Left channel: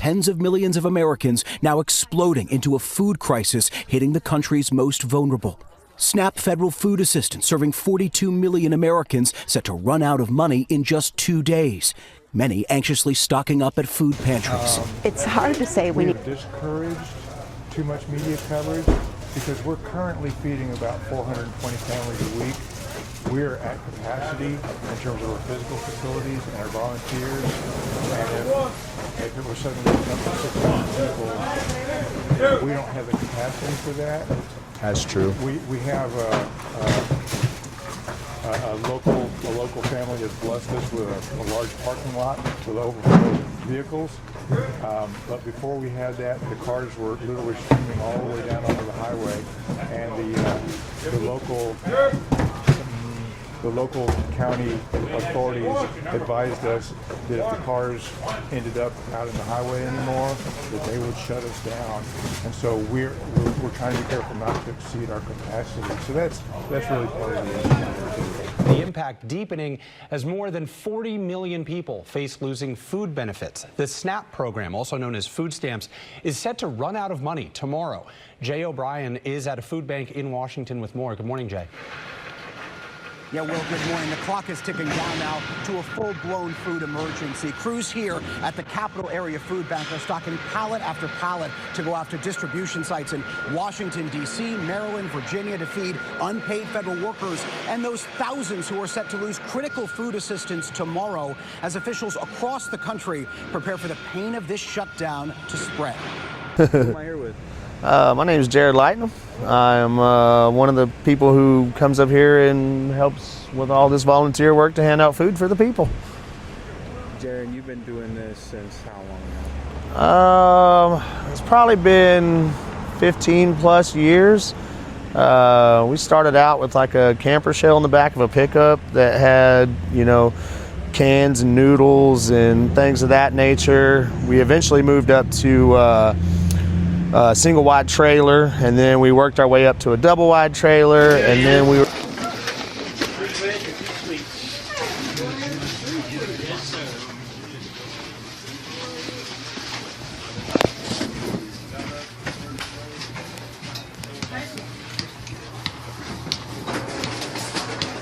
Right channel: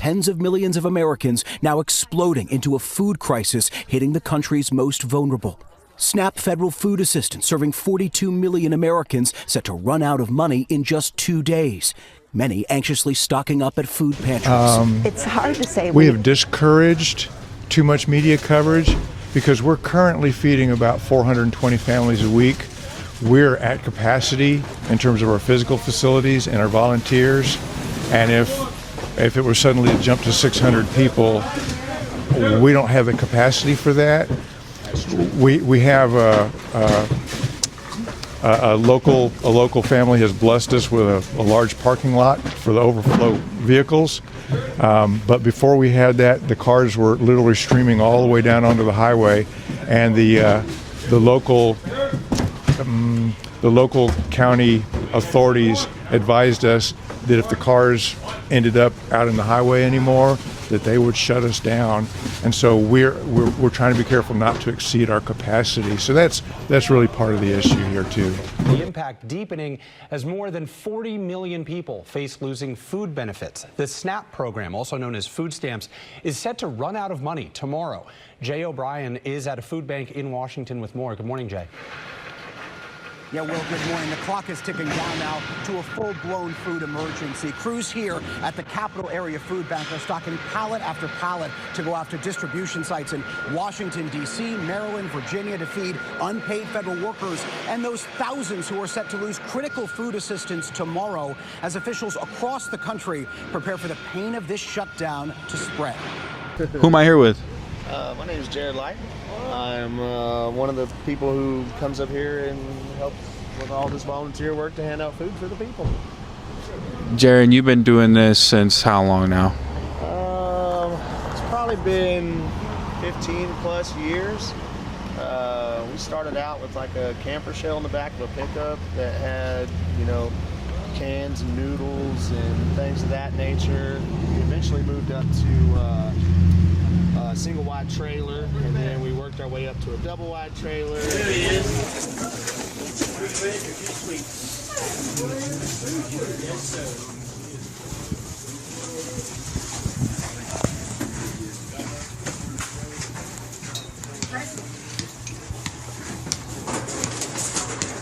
tens of millions of Americans now exploding into a food crisis hitting the country's most vulnerable. SNAP federal food assistance serving 42 million Americans set to run out of money in just 2 days. Many anxiously stocking up at food pantries. It's hard to say. We have discouraged too much media coverage because we're currently feeding about 420 families a week. We're at capacity in terms of our physical facilities and our volunteers. And if it were suddenly to jump to 600 people, we don't have the capacity for that. That's true. We have a local family has blessed us with a large parking lot for the overflow vehicles. But before we had that, the cars were literally streaming all the way down onto the highway, and the local county authorities advised us that if the cars ended up out in the highway anymore, that they would shut us down. And so we're trying to be careful not to exceed our capacity. So that's really part of the issue here too. The impact deepening as more than 40 million people face losing food benefits. The SNAP program, also known as food stamps, is set to run out of money tomorrow. Jay O'Brien is at a food bank in Washington with more. Good morning, Jay. Yeah, Will, good morning. The clock is ticking down now to a full-blown food emergency. Crews here at the Capital Area Food Bank are stocking pallet after pallet to go after distribution sites in Washington, D.C., Maryland, Virginia to feed unpaid federal workers and those thousands who are set to lose critical food assistance tomorrow as officials across the country prepare for the pain of this shutdown to spread. Who am I here with? My name is Jared Lighton. I'm one of the people who comes up here and helps with all this volunteer work to hand out food for the people. Jared, you've been doing this since how long now? It's probably been 15 plus years. We started out with like a camper shell in the back of a pickup that had, cans and noodles and things of that nature. We eventually moved up to a single wide trailer, and then we worked our way up to a double wide trailer, and then we were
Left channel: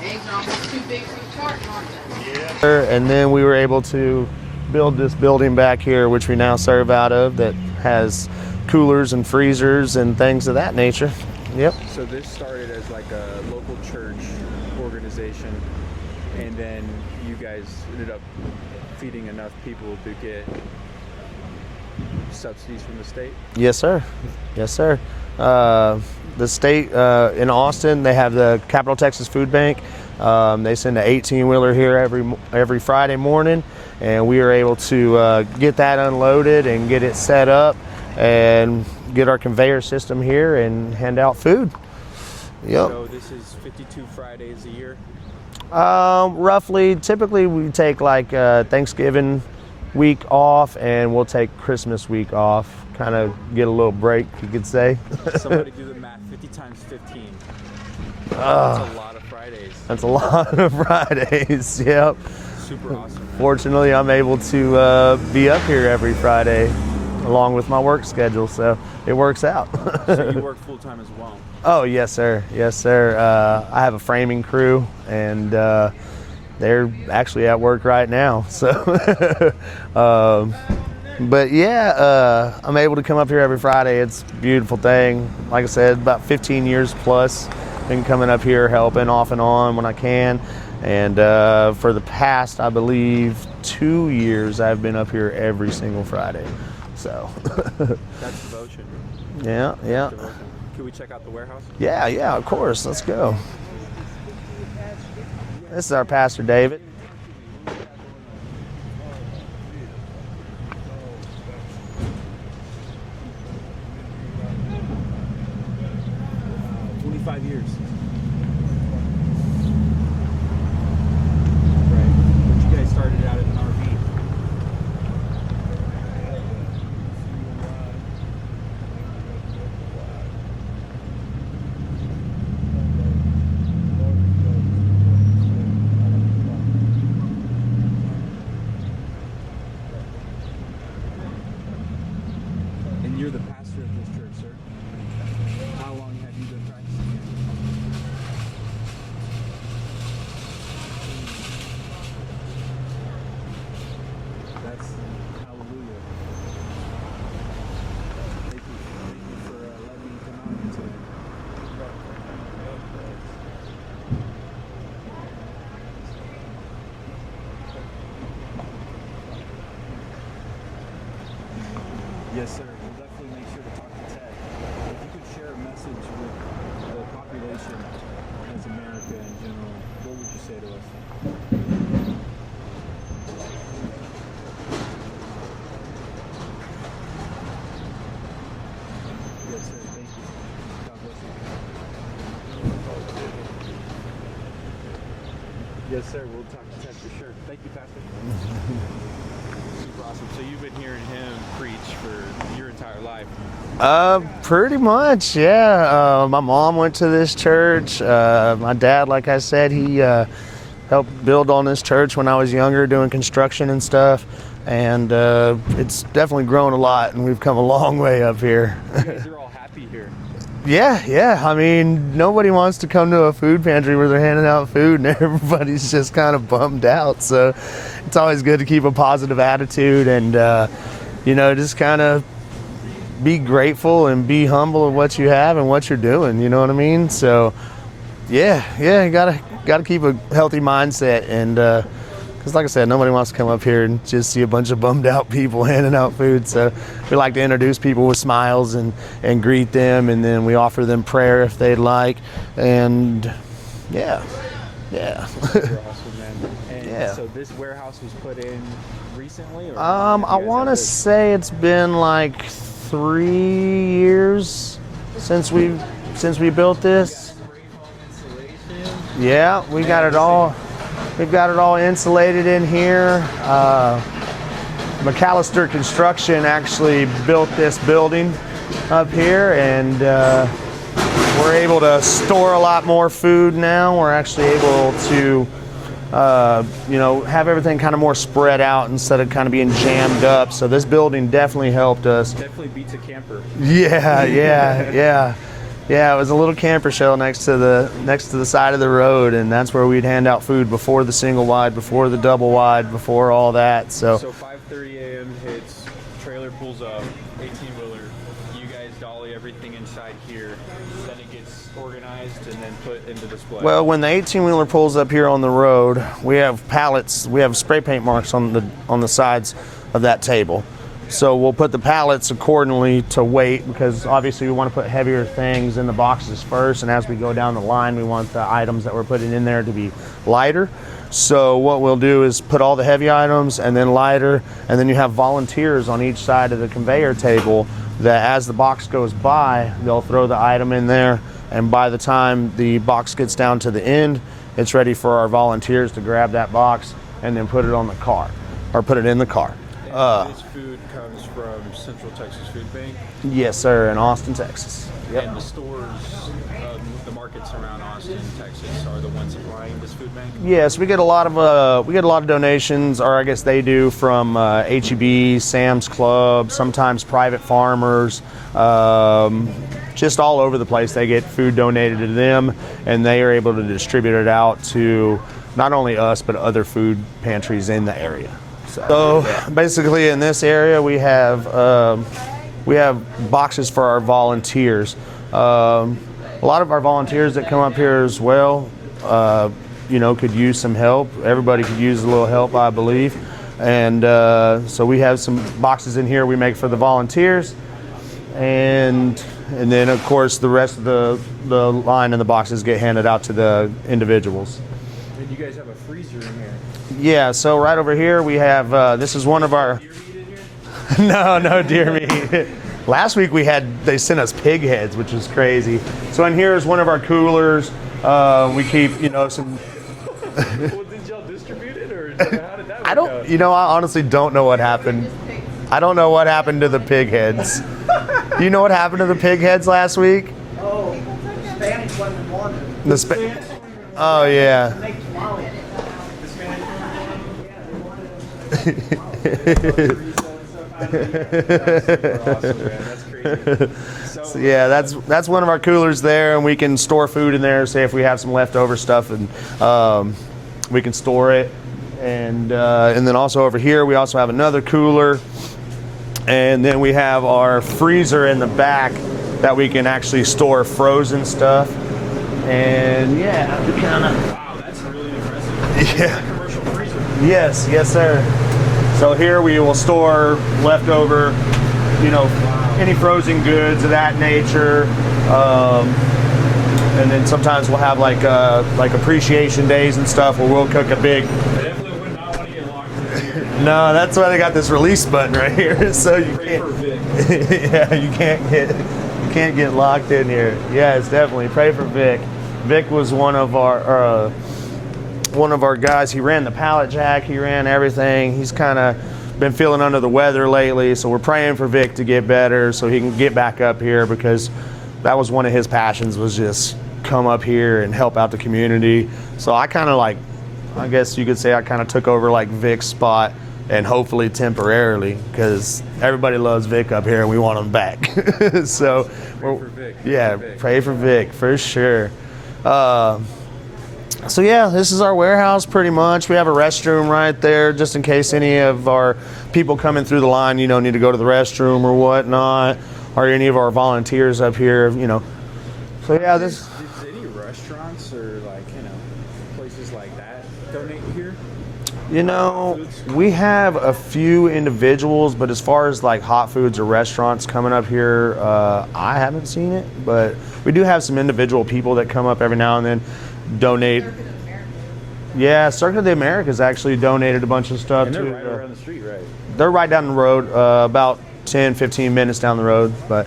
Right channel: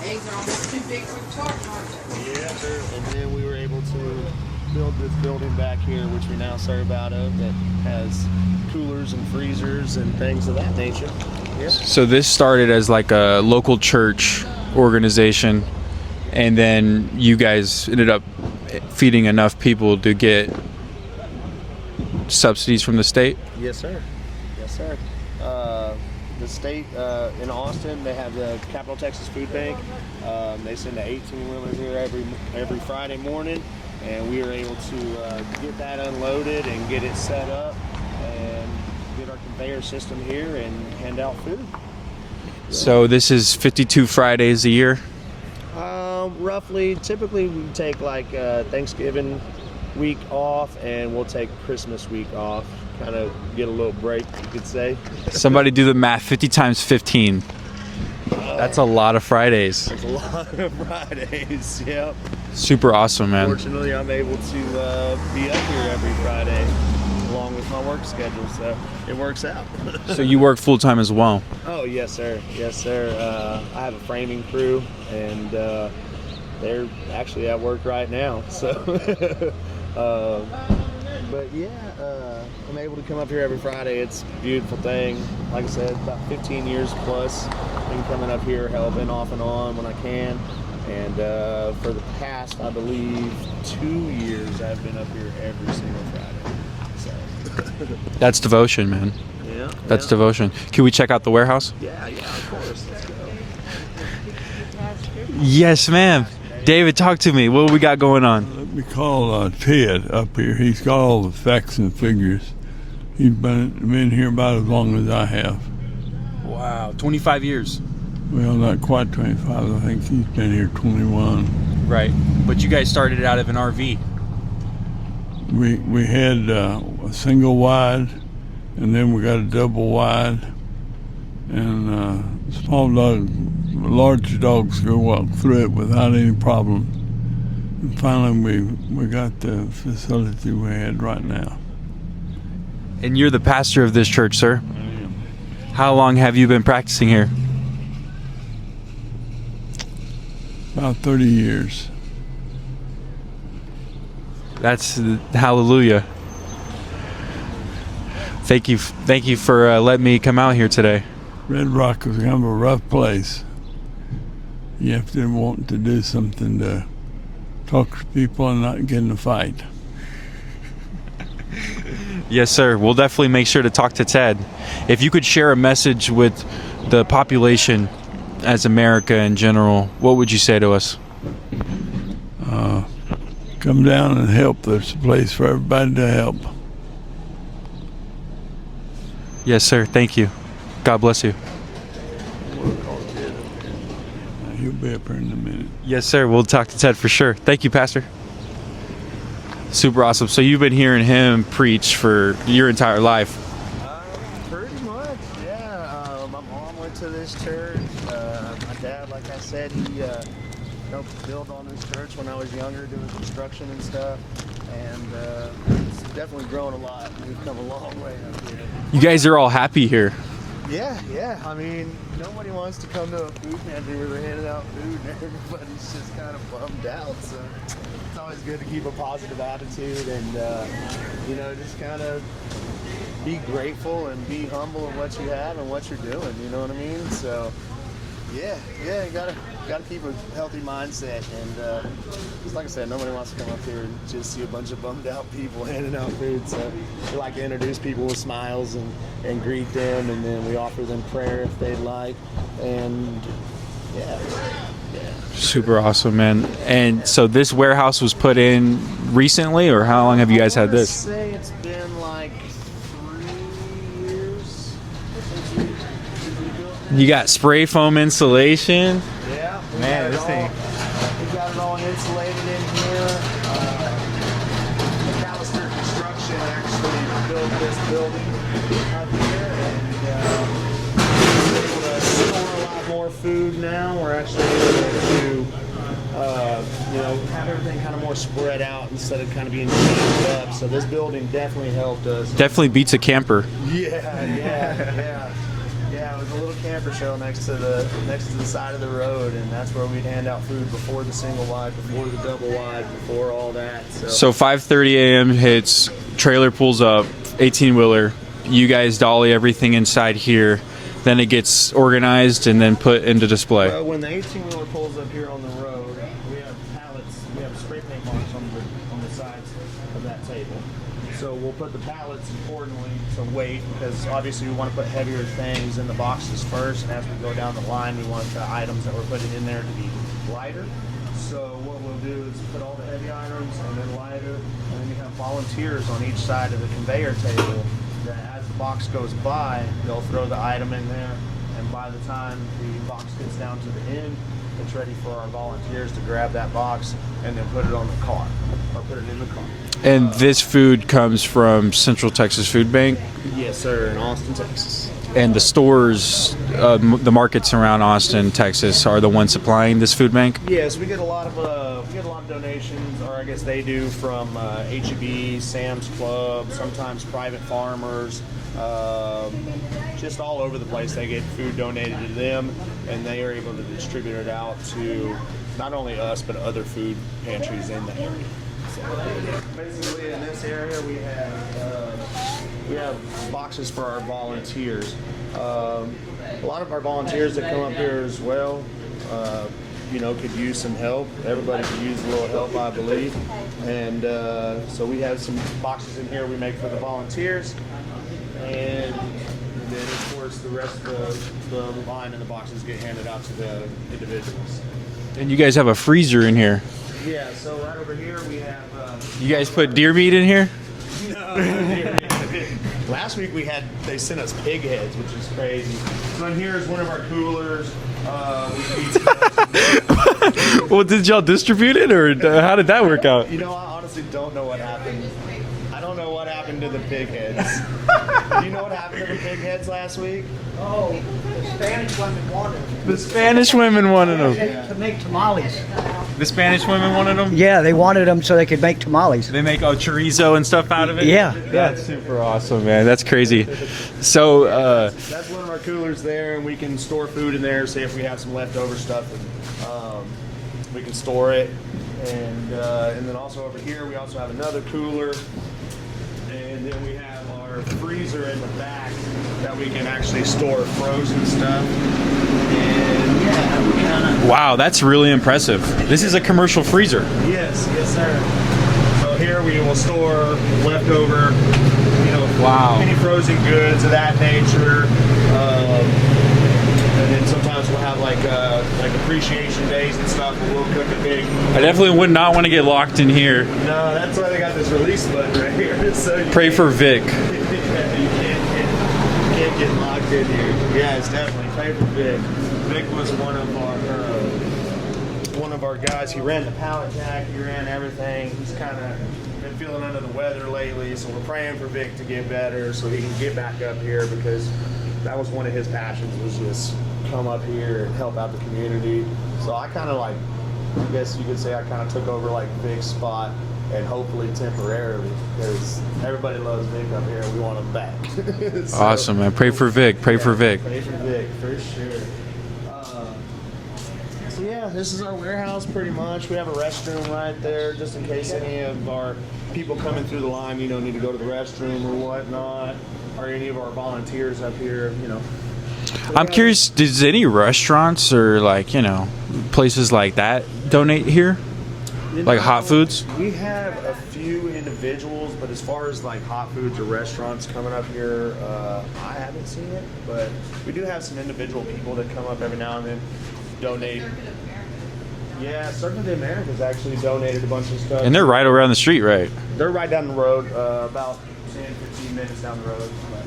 eggs are almost too big for the carton, aren't they? and then we were able to build this building back here, which we now serve out of, that has coolers and freezers and things of that nature. Yep. So this started as like a local church organization, and then you guys ended up feeding enough people to get subsidies from the state? Yes, sir. Yes, sir. The state in Austin, they have the Capital Texas Food Bank. They send an 18-wheeler here every Friday morning, and we are able to get that unloaded and get it set up and get our conveyor system here and hand out food. Yep. So this is 52 Fridays a year? Roughly. Typically we take like Thanksgiving week off, and we'll take Christmas week off, kind of get a little break, you could say. Somebody do the math. 50 times 15. That's a lot of Fridays. That's a lot of Fridays, yep. Super awesome, man. Fortunately, I'm able to be up here every Friday along with my work schedule, so it works out. So you work full-time as well? Oh, yes, sir. Yes, sir. I have a framing crew, and they're actually at work right now. So, but yeah, I'm able to come up here every Friday. It's a beautiful thing. Like I said, about 15 years plus, been coming up here helping off and on when I can. And for the past, I believe, 2 years, I've been up here every single Friday. So that's devotion, man. Yeah, that's devotion. Can we check out the warehouse? Yeah, of course. Let's go. Yes, ma'am. Pastor David. David, talk to me. What we got going on? We call Ted up here. He's got all the facts and figures. He's been here about as long as I have. Wow, 25 years. Well, not quite 25. I think he's been here 21. Right, but you guys started out of an RV. We had a single wide, and then we got a double wide, and small dogs, large dogs go walk through it without any problem. And finally, we got the facility we had right now. And you're the pastor of this church, sir? How long have you been practicing here? About 30 years. That's hallelujah. Thank you for letting me come out here today. Red Rock is kind of a rough place. You have to want to do something to talk to people and not get in a fight. Yes, sir. We'll definitely make sure to talk to Ted. If you could share a message with the population as America in general, what would you say to us? Come down and help. There's a place for everybody to help. Yes, sir. Thank you. God bless you. He'll be up here in a minute. Yes, sir. We'll talk to Ted for sure. Thank you, Pastor. Super awesome. So you've been hearing him preach for your entire life? Pretty much, yeah. My mom went to this church. My dad, like I said, he helped build on this church when I was younger, doing construction and stuff. And it's definitely grown a lot, and we've come a long way up here. You guys are all happy here. Yeah. I mean, nobody wants to come to a food pantry where they're handing out food and everybody's just kind of bummed out. So it's always good to keep a positive attitude and, just kind of be grateful and be humble of what you have and what you're doing. You know what I mean? So, yeah, you gotta keep a healthy mindset. And because, like I said, nobody wants to come up here and just see a bunch of bummed out people handing out food. So we like to introduce people with smiles and greet them, and then we offer them prayer if they'd like. And yeah. Super awesome, man. And so this warehouse was put in recently, or how long have you guys had this? I say it's been like 3 years since we built this. You got spray foam insulation? Yeah, we got it all. We've got it all insulated in here. McAllister Construction actually built this building up here, and we're able to store a lot more food now. We're actually able to, have everything kind of more spread out instead of kind of being jammed up. So this building definitely helped us. Definitely beats a camper. Yeah. Yeah, it was a little camper shell next to the side of the road, and that's where we'd hand out food before the single wide, before the double wide, before all that. So 5:30 a.m. hits, trailer pulls up, 18-wheeler. You guys dolly everything inside here. Then it gets organized and then put into display. Well, when the 18-wheeler pulls up here on the road, we have pallets. We have spray paint marks on the sides of that table. So we'll put the pallets accordingly to weight, because obviously we want to put heavier things in the boxes first, and as we go down the line, we want the items that we're putting in there to be lighter. So what we'll do is put all the heavy items and then lighter, and then you have volunteers on each side of the conveyor table that as the box goes by, they'll throw the item in there, and by the time the box gets down to the end, it's ready for our volunteers to grab that box and then put it on the car, or put it in the car. And this food comes from Central Texas Food Bank? Yes, sir, in Austin, Texas. And the stores, the markets around Austin, Texas, are the ones supplying this food bank? Yes, we get a lot of donations, or I guess they do, from H-E-B, Sam's Club, sometimes private farmers, just all over the place. They get food donated to them, and they are able to distribute it out to not only us but other food pantries in the area. So basically, in this area, we have boxes for our volunteers. A lot of our volunteers that come up here as well, could use some help. Everybody could use a little help, I believe. And so we have some boxes in here we make for the volunteers, and then of course the rest of the line and the boxes get handed out to the individuals. And you guys have a freezer in here? Yeah, so right over here we have, this is one of our... put deer meat in here? No deer meat. Last week they sent us pig heads, which is crazy. So in here is one of our coolers. We keep, some... Well, did y'all distribute it, or how did that work out? I honestly don't know what happened. I don't know what happened to the pig heads. Do you know what happened to the pig heads last week? Oh, the Spanish women wanted them. The Spanish women wanted them. Oh, yeah. To make tamales. The Spanish women wanted them? Yeah, they wanted them so they could make tamales. They make chorizo and stuff out of it? Yeah. That's super awesome, man. That's crazy. So yeah, that's one of our coolers there, and we can store food in there. Say if we have some leftover stuff, and we can store it. And then also over here, we also have another cooler. And then we have our freezer in the back that we can actually store frozen stuff. And yeah, we kind of... Wow, that's really impressive. This is a commercial freezer. Yes, sir. So here we will store leftover, any frozen goods of that nature. And then sometimes we'll have like appreciation days and stuff where we'll cook a big... I definitely would not want to get locked in here. No, that's why they got this release button right here. So pray for Vic. Yeah, you can't get locked in here. Yes, definitely pray for Vic. Vic was one of our guys. He ran the pallet jack. He ran everything. He's kind of been feeling under the weather lately, so we're praying for Vic to get better so he can get back up here, because that was one of his passions, was just come up here and help out the community. So I kind of I guess you could say I kind of took over like Vic's spot, and hopefully temporarily, because everybody loves Vic up here and we want him back. So, awesome, man. Pray for Vic. Pray for Vic. Pray for Vic, for sure. So yeah, this is our warehouse pretty much. We have a restroom right there just in case any of our people coming through the line, need to go to the restroom or whatnot, or any of our volunteers up here, So, I'm curious, does any restaurants or places like that donate here? Like hot foods? We have a few individuals, but as far as like hot foods or restaurants coming up here, I haven't seen it, but we do have some individual people that come up every now and then, donate. Yeah, Circuit of the Americas actually donated a bunch of stuff. And they're right around the street, right? They're right down the road, about 10, 15 minutes down the road, but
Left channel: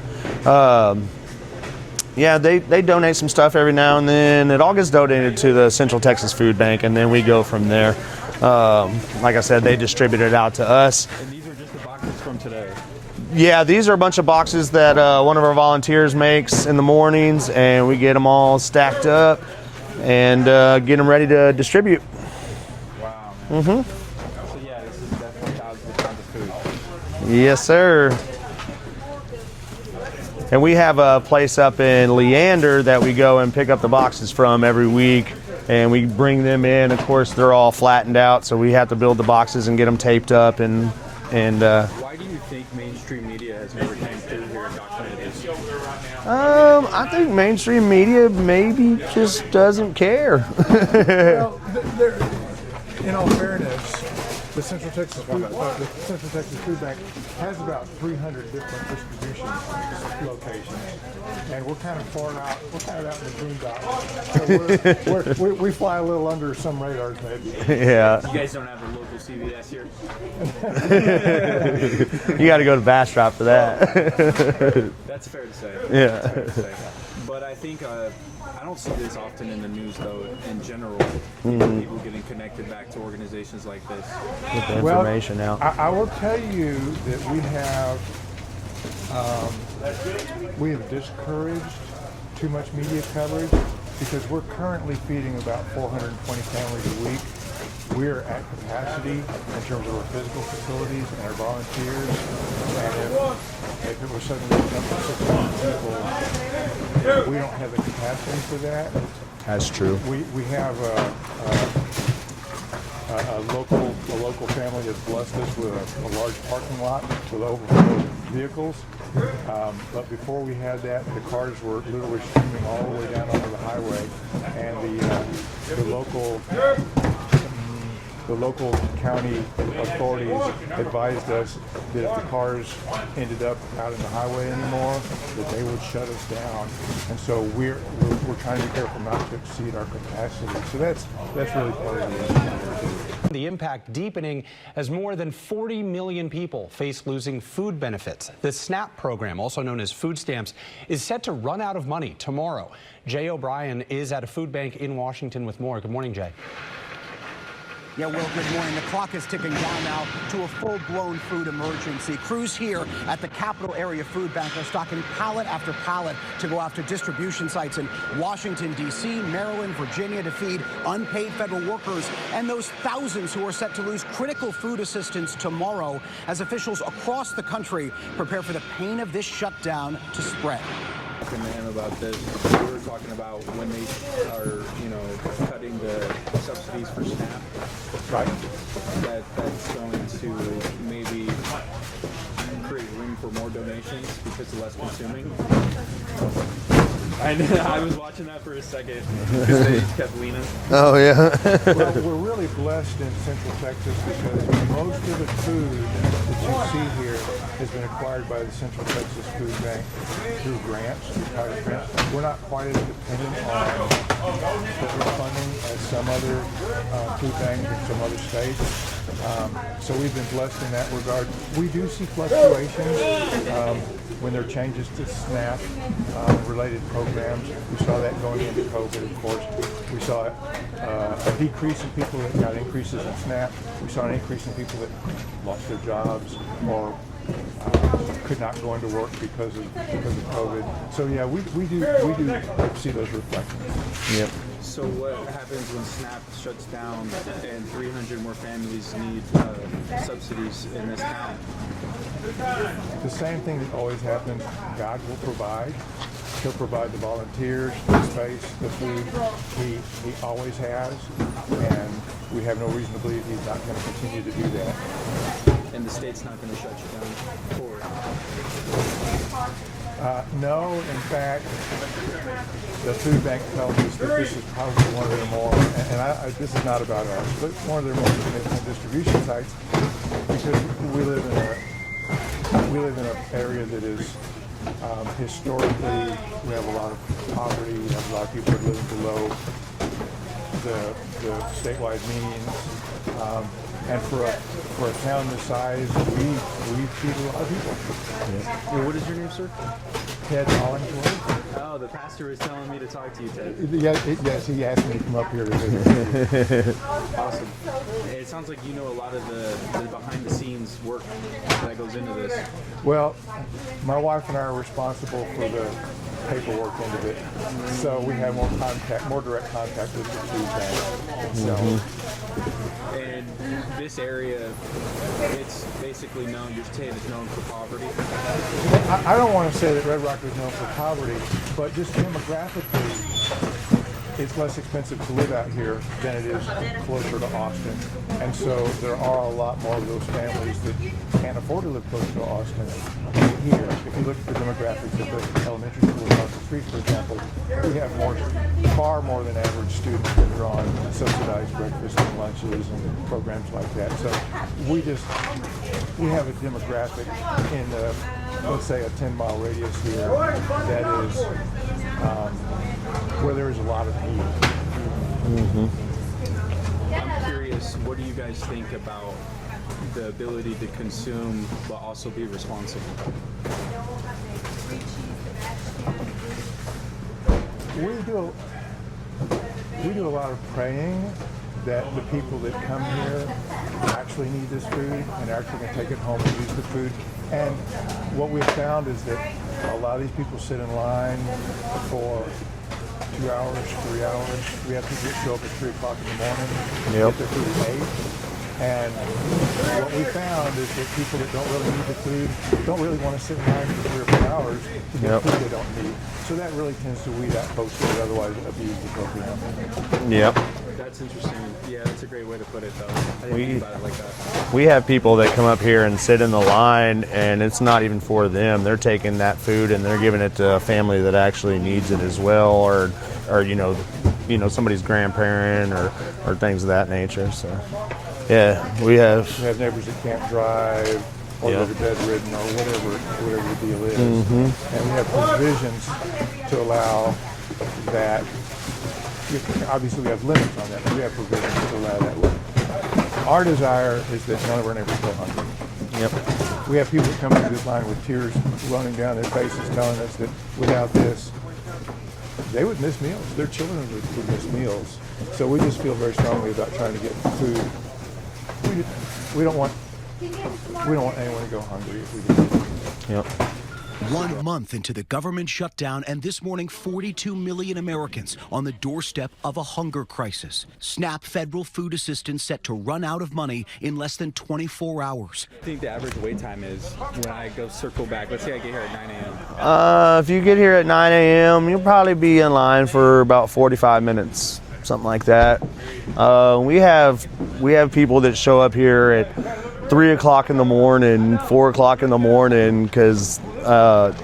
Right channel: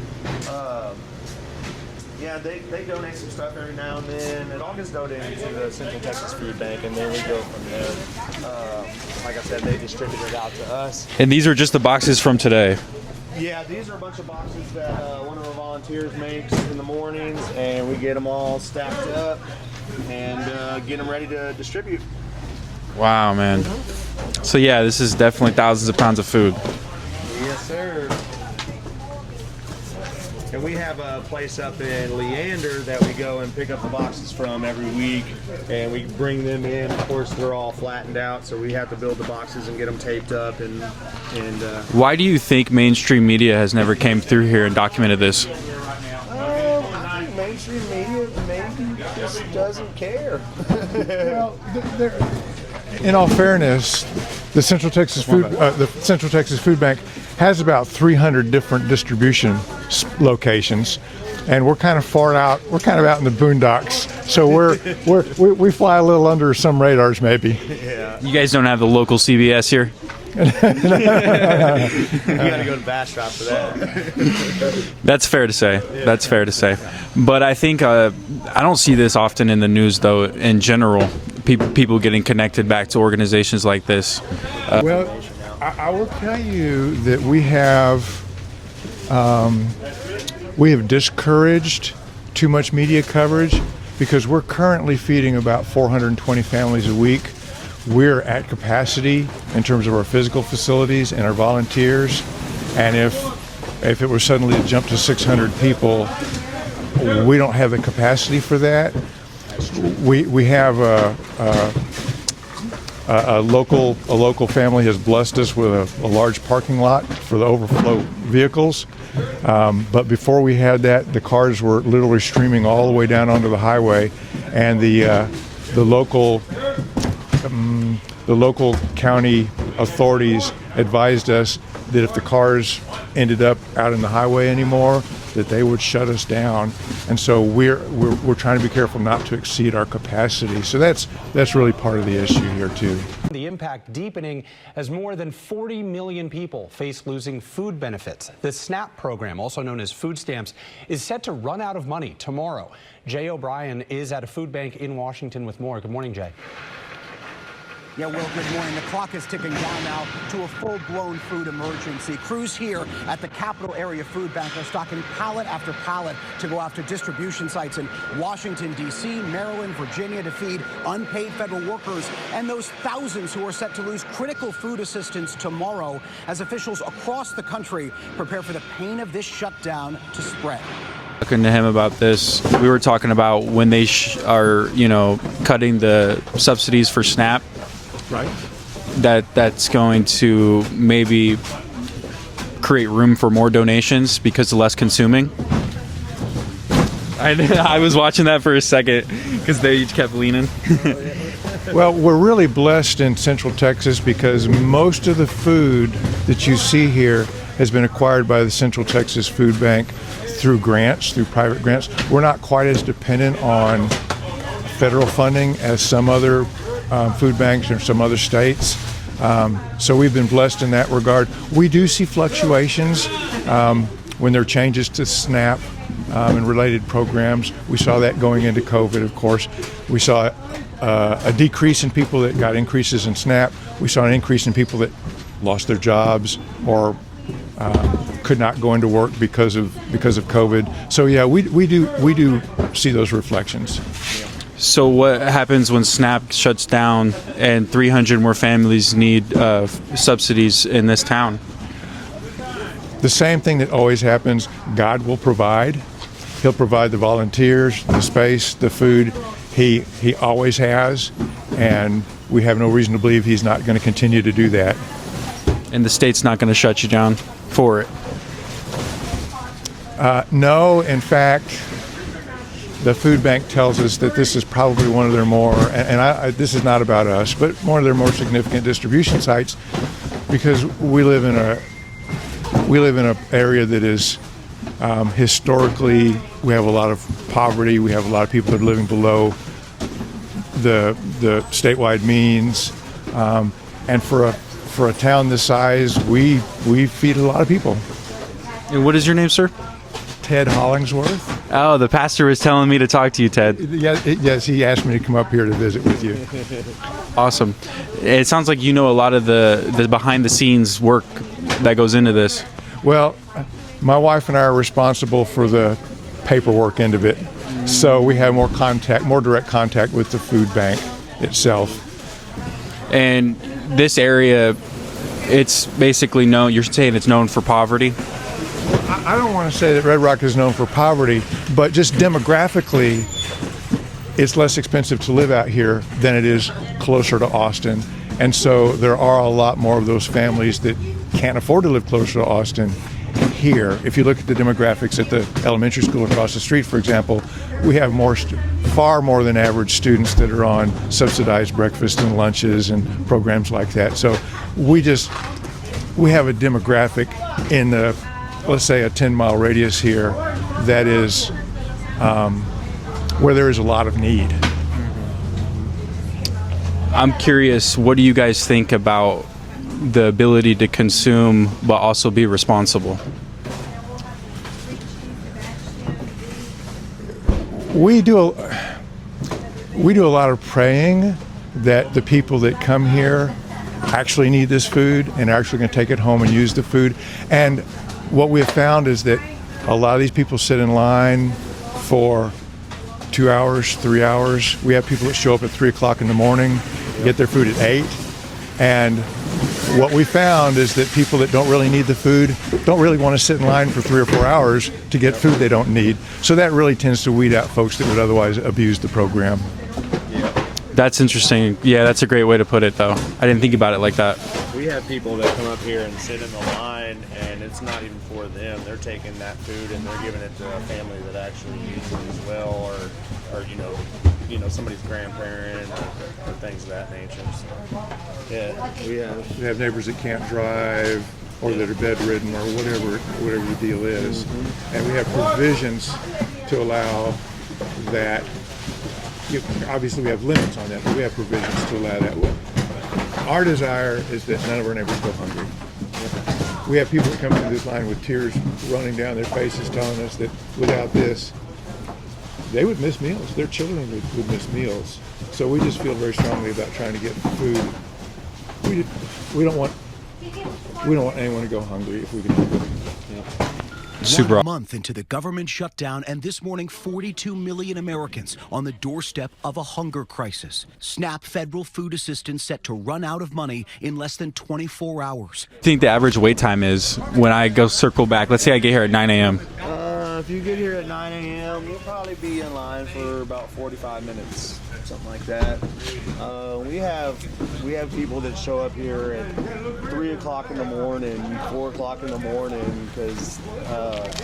yeah, they donate some stuff every now and then. It all gets donated to the Central Texas Food Bank, and then we go from there. Like I said, they distribute it out to us. And these are just the boxes from today? Yeah, these are a bunch of boxes that one of our volunteers makes in the mornings, and we get them all stacked up and get them ready to distribute. Wow, man. Mm-hmm. So yeah, this is definitely thousands of pounds of food. Yes, sir. And we have a place up in Leander that we go and pick up the boxes from every week, and we bring them in. Of course, they're all flattened out, so we have to build the boxes and get them taped up. And why do you think mainstream media has never came through here and documented this? I think mainstream media maybe just doesn't care. Well, in all fairness, the Central Texas Food Bank has about 300 different distribution locations, and we're kind of far out. We're kind of out in the boondocks, so we fly a little under some radars, maybe. Yeah. You guys don't have the local CBS here? You got to go to Bastrop for that. That's fair to say. Yeah. That's fair to say. But I think I don't see this often in the news, though. In general, people getting connected back to organizations like this. Well, I will tell you that we have discouraged too much media coverage, because we're currently feeding about 420 families a week. We're at capacity in terms of our physical facilities and our volunteers, and if it were suddenly to jump to 600 people, we don't have the capacity for that. That's true. We have a local family has blessed us with a large parking lot for the overflow vehicles, but before we had that, the cars were literally streaming all the way down onto the highway, and the local county authorities advised us that if the cars ended up out in the highway anymore, that they would shut us down. And so we're trying to be careful not to exceed our capacity. So that's really part of the issue here too. The impact deepening as more than 40 million people face losing food benefits. The SNAP program, also known as food stamps, is set to run out of money tomorrow. Jay O'Brien is at a food bank in Washington with more. Good morning, Jay. Yeah, Will, good morning. The clock is ticking down now to a full-blown food emergency. Crews here at the Capital Area Food Bank are stocking pallet after pallet to go after distribution sites in Washington, D.C., Maryland, Virginia to feed unpaid federal workers and those thousands who are set to lose critical food assistance tomorrow as officials across the country prepare for the pain of this shutdown to spread. Talking to him about this, we were talking about when they are, cutting the subsidies for SNAP. Right. That's going to maybe create room for more donations because of less consuming. I was watching that for a second because they each kept leaning. Oh, yeah. Well, we're really blessed in Central Texas because most of the food that you see here has been acquired by the Central Texas Food Bank through grants, through private grants. We're not quite as dependent on federal funding as some other food banks or some other states. So we've been blessed in that regard. We do see fluctuations when there are changes to SNAP and related programs. We saw that going into COVID, of course. We saw a decrease in people that got increases in SNAP. We saw an increase in people that lost their jobs or could not go into work because of COVID. So yeah, we do see those reflections. Yep. So what happens when SNAP shuts down and 300 more families need subsidies in this town? The same thing that always happens. God will provide. He'll provide the volunteers, the space, the food. He always has, and we have no reason to believe he's not going to continue to do that. And the state's not going to shut you down for it? No, in fact, the food bank tells us that this is probably one of their more, and this is not about us, but one of their more significant distribution sites, because we live in an area that is historically, we have a lot of poverty. We have a lot of people that are living below the statewide means, and for a town this size, we feed a lot of people. And what is your name, sir? Ted Hollingsworth. Oh, the pastor was telling me to talk to you, Ted. Yes, he asked me to come up here to visit with you. Awesome. It sounds like you know a lot of the behind-the-scenes work that goes into this. Well, my wife and I are responsible for the paperwork end of it, so we have more direct contact with the food bank itself. And this area, it's basically known, you're saying it's known for poverty? I don't want to say that Red Rock is known for poverty, but just demographically, it's less expensive to live out here than it is closer to Austin. And so there are a lot more of those families that can't afford to live closer to Austin here. If you look at the demographics at the elementary school across the street, for example, we have far more than average students that are on subsidized breakfast and lunches and programs like that. So we have a demographic in the, let's say, a 10-mile radius here that is where there is a lot of need. Mm-hmm. I'm curious, what do you guys think about the ability to consume but also be responsible? We do a lot of praying that the people that come here actually need this food and are actually going to take it home and use the food. And what we've found is that a lot of these people sit in line for 2 hours, 3 hours. We have people that show up at 3 o'clock in the morning, get their food at 8. And what we found is that people that don't really need the food don't really want to sit in line for 3 or 4 hours to get food they don't need. So that really tends to weed out folks that would otherwise abuse the program. Yep. That's interesting. Yeah, that's a great way to put it, though. I didn't think about it like that. We have people that come up here and sit in the line, and it's not even for them. They're taking that food and they're giving it to a family that actually needs it as well, or somebody's grandparent or things of that nature. So, yeah, we have neighbors that can't drive or that are bedridden or whatever the deal is. Mm-hmm. And we have provisions to allow that. Obviously, we have limits on that, but we have provisions to allow that. Our desire is that none of our neighbors go hungry. Yep. We have people that come through this line with tears running down their faces telling us that without this, they would miss meals. Their children would miss meals. So we just feel very strongly about trying to get food. We don't want anyone to go hungry if we can do it. Yep. 1 month into the government shutdown, and this morning 42 million Americans on the doorstep of a hunger crisis. SNAP federal food assistance set to run out of money in less than 24 hours. I think the average wait time is when I go circle back. Let's say I get here at 9 a.m. If you get here at 9 a.m., you'll probably be in line for about 45 minutes, something like that. We have people that show up here at 3 o'clock in the morning, 4 o'clock in the morning, because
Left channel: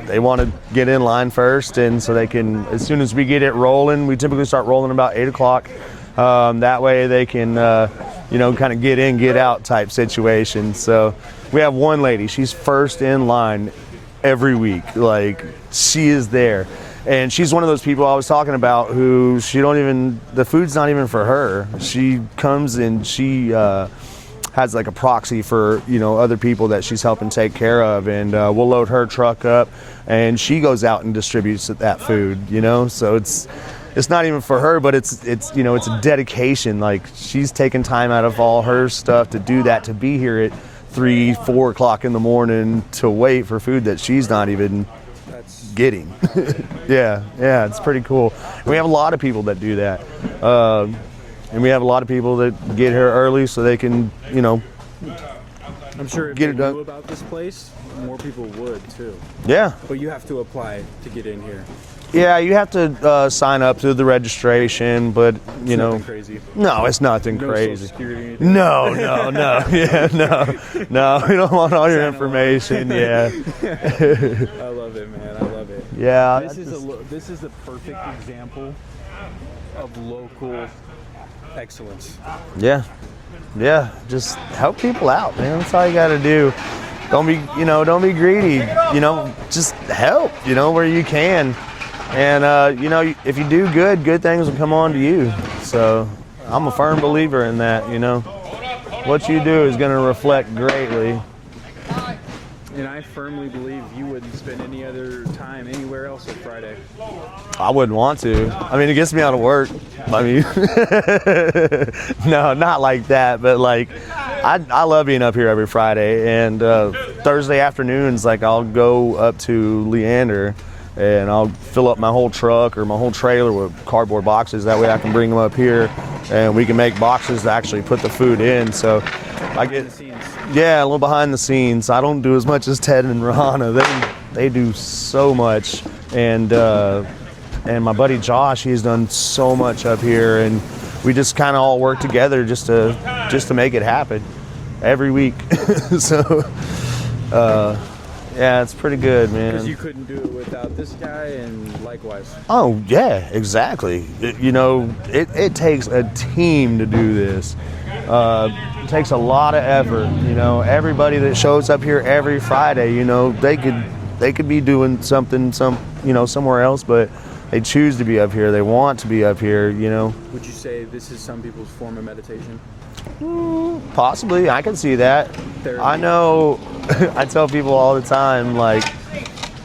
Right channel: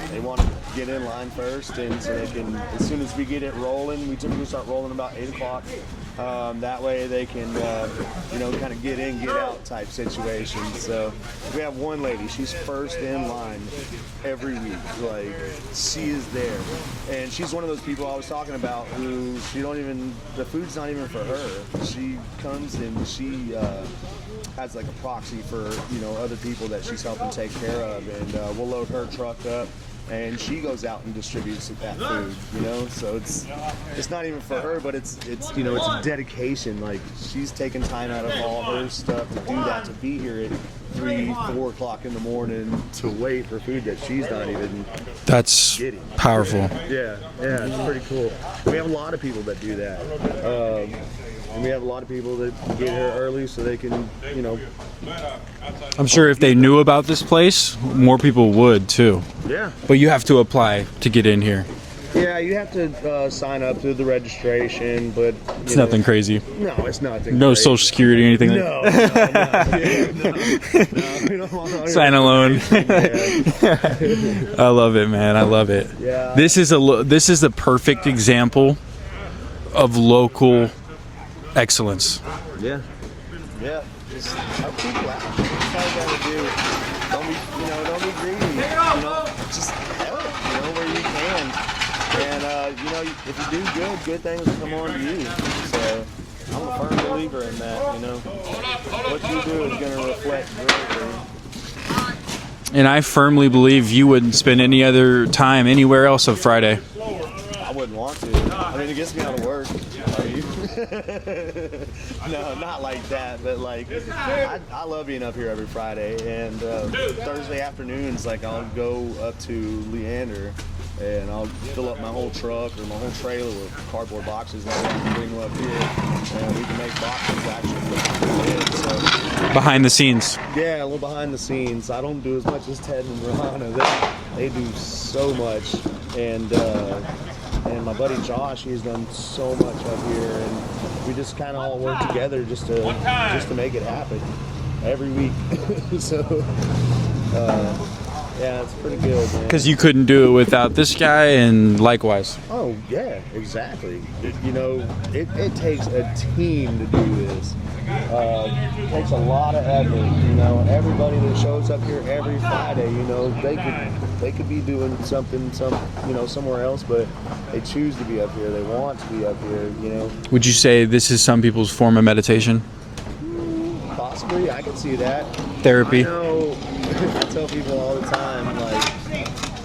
they want to get in line first, and so they can, as soon as we get it rolling, we typically start rolling about 8 o'clock. That way they can, kind of get in, get out type situation. So we have one lady, she's first in line every week. Like, she is there. And she's one of those people I was talking about who the food's not even for her. She comes and she has like a proxy for, other people that she's helping take care of. And we'll load her truck up and she goes out and distributes that food, So it's not even for her, but it's a dedication. Like, she's taking time out of all her stuff to do that, to be here at 3, 4 o'clock in the morning to wait for food that she's not even getting. Powerful. Yeah, it's pretty cool. We have a lot of people that do that. And we have a lot of people that get here early so they can, I'm sure if they knew about this place, more people would too. Yeah. But you have to apply to get in here. Yeah, you have to sign up through the registration, but It's nothing crazy. No, it's nothing No crazy. Social Security or anything. No. Yeah, no. We don't want all your Sign alone. information. Yeah. I love it, man. I love it. Yeah. This is the perfect example of local excellence. Yeah. Just help people out, man. That's all you got to do. Don't be greedy. Just help. Where you can. And if you do good things will come on to you. So I'm a firm believer in that. What you do is going to reflect greatly. And I firmly believe you wouldn't spend any other time anywhere else on Friday. I wouldn't want to. I mean, it gets me out of work. I mean, no, not like that. But like, I love being up here every Friday. And Thursday afternoons, like, I'll go up to Leander and I'll fill up my whole truck or my whole trailer with cardboard boxes. That way I can bring them up here and we can make boxes to actually put the food in. So behind the scenes. Yeah, a little behind the scenes. I don't do as much as Ted and Rahana. They do so much. And my buddy Josh, he's done so much up here, and we just kind of all work together just to make it happen every week. So yeah, it's pretty good, man. Because you couldn't do it without this guy, and likewise. Oh yeah, exactly. It takes a team to do this. It takes a lot of effort. Everybody that shows up here every Friday, they could be doing something somewhere else, but they choose to be up here. They want to be up here. Would you say this is some people's form of meditation? Possibly, I can see that. Therapy. I know. I tell people all the time, like,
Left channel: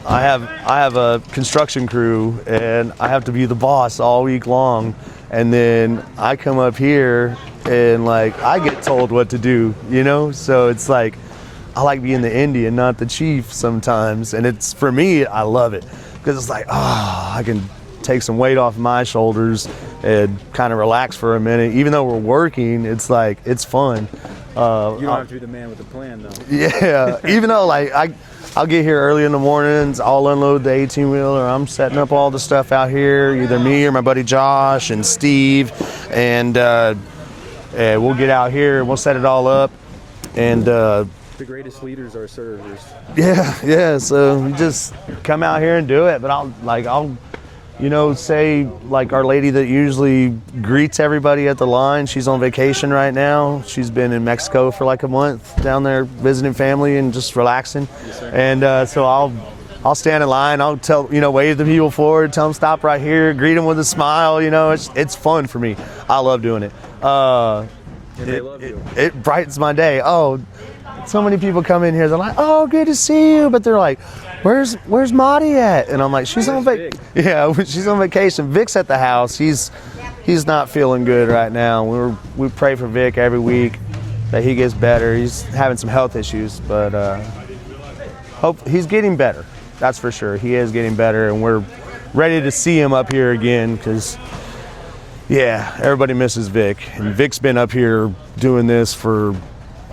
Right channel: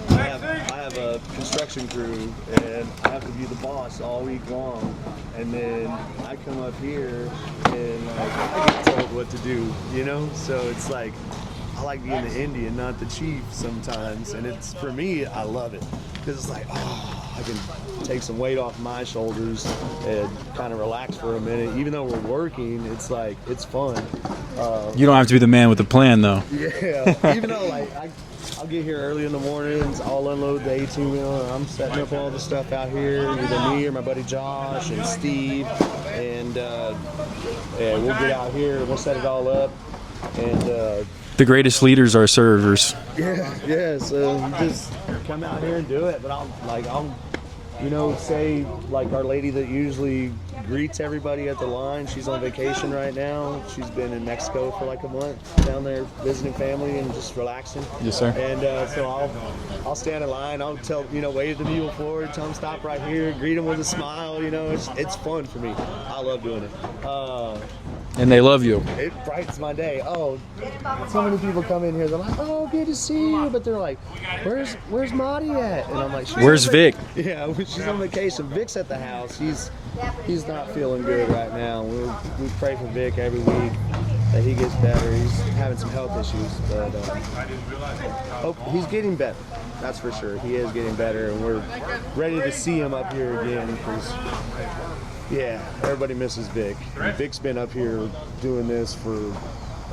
I have a construction crew and I have to be the boss all week long, and then I come up here and like I get told what to do, So it's like I like being the Indian, not the chief sometimes, and it's, for me, I love it because it's like, I can take some weight off my shoulders and kind of relax for a minute. Even though we're working, it's like, it's fun. You don't have to be the man with the plan, though. Yeah, even though like I'll get here early in the mornings, I'll unload the 18-wheeler, I'm setting up all the stuff out here, either me or my buddy Josh and Steve, and we'll get out here, we'll set it all up, and the greatest leaders are servers. Yeah, so we just come out here and do it. But I'll say, like, our lady that usually greets everybody at the line, she's on vacation right now. She's been in Mexico for like a month down there visiting family and just relaxing. Yes, sir. And so I'll stand in line, I'll tell, wave the people forward, tell them stop right here, greet them with a smile. It's fun for me. I love doing it. And they love you. It brightens my day. Oh, so many people come in here. They're like, "Oh, good to see you," but they're like, "Where's Maudie at?" And I'm like, Where's Vic? Yeah, she's on vacation. Vic's at the house. He's not feeling good right now. We pray for Vic every week that he gets better. He's having some health issues, but hope he's getting better. That's for sure. He is getting better, and we're ready to see him up here again because, yeah, everybody misses Vic. And Vic's been up here doing this for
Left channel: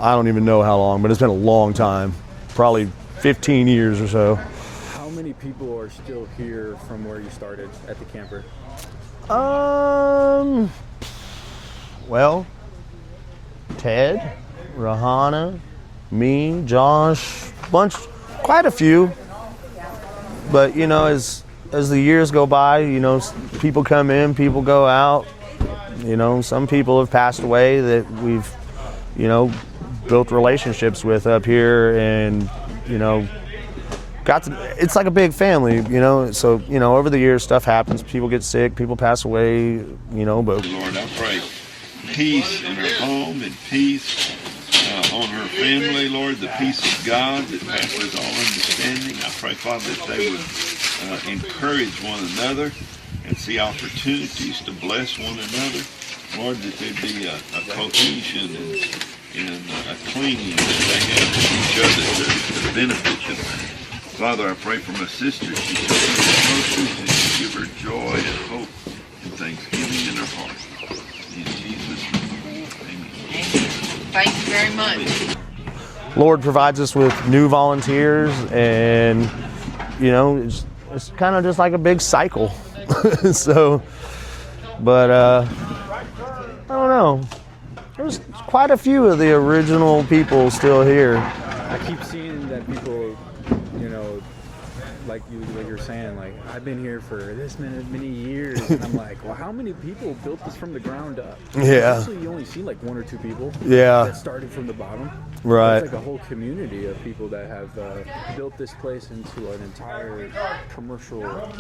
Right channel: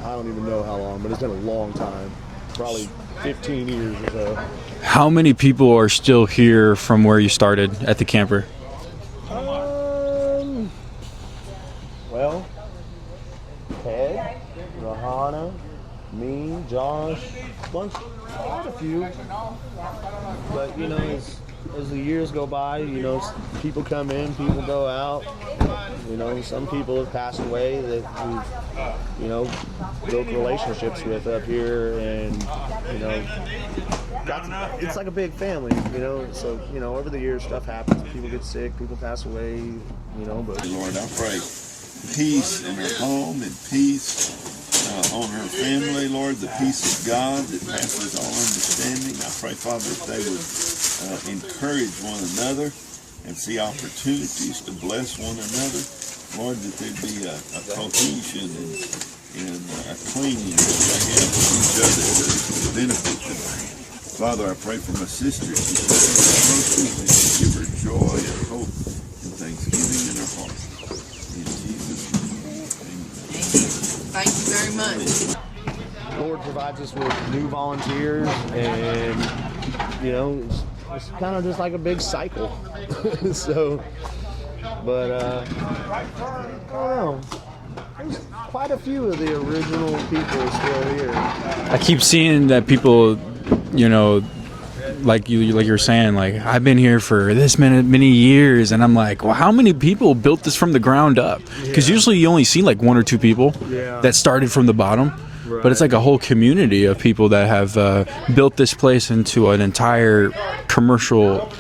I don't even know how long, but it's been a long time, probably 15 years or so. How many people are still here from where you started at the camper? Well, Ted, Rahana, me, Josh, quite a few. But you know, as the years go by, you know, people come in, people go out. You know, some people have passed away that we've, you know, built relationships with up here, and you know, it's like a big family, you know. So you know, over the years, stuff happens. People get sick, people pass away, you know. But Lord, I pray peace in her home and peace on her family, Lord, the peace of God that passes all understanding. I pray, Father, that they would encourage one another and see opportunities to bless one another. Lord, that there be a cohesion and a clinging that they have to each other to benefit them. Father, I pray for my sister. She shall be and give her joy and hope and thanksgiving in her heart. In Jesus' name, amen. Thank you very much. Lord provides us with new volunteers, and you know, it's kind of just like a big cycle. So, but I don't know. There's quite a few of the original people still here. I keep seeing that people, you know, like you were saying, like, I've been here for this many years, and I'm like, well, how many people built this from the ground up? Because usually you only see like one or two people that started from the bottom. Right. But it's like a whole community of people that have built this place into an entire commercial,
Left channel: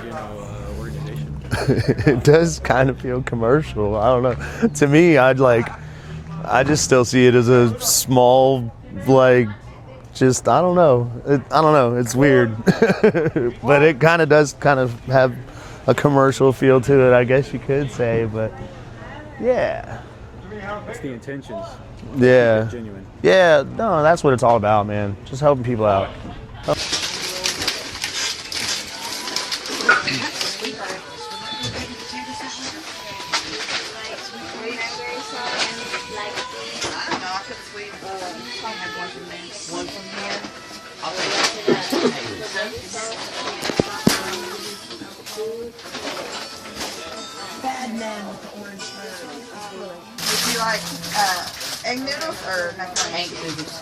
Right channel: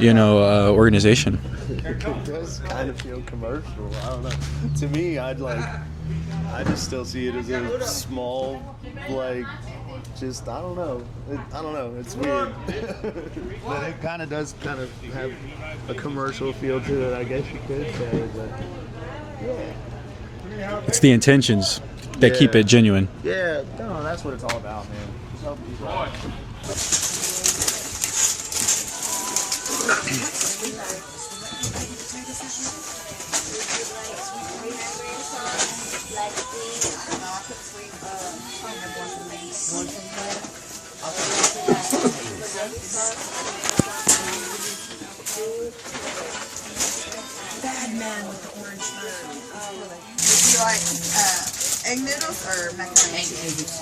you know, organization. It does kind of feel commercial. I don't know. To me, I just still see it as a small, like, just, I don't know. It's weird. But it kind of does kind of have a commercial feel to it, I guess you could say. But yeah. It's the intentions that keep it genuine. Yeah, no, that's what it's all about, man. Just helping people out. Bad man with the orange robe. Would you like egg noodles or macaroni? Egg noodles.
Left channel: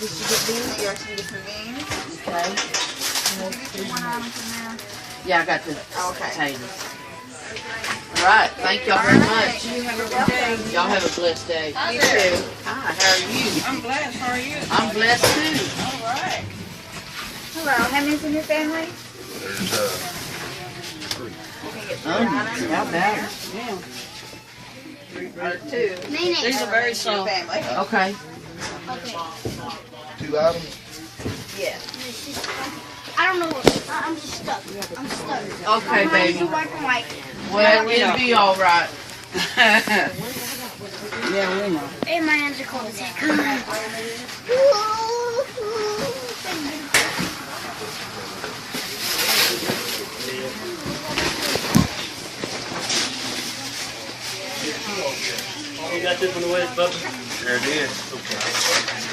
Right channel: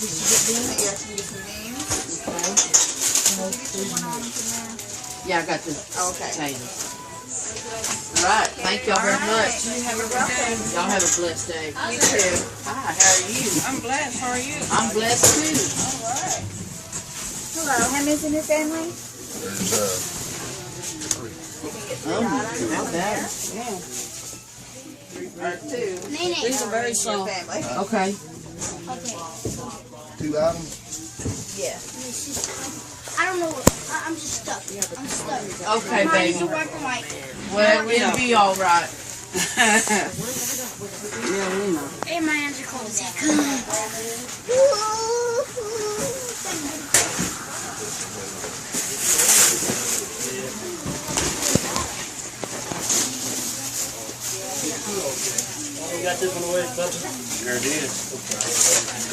Did you get beans? You like to get some beans? Okay. Yeah, I got the potatoes. All right, thank y'all very much. You have a good day. Y'all have a blessed day. You too. Hi, how are you? I'm blessed. How are you? I'm blessed too. All right. Hello. How many's in your family? How about it? Two. These are very strong family. Okay. Two items? Yeah. I don't know. I'm just stuck. I'm stuck. Okay, baby. Well, it'll be all right. And my hands are cold. You got this one away, Bubba? Sure did. Okay.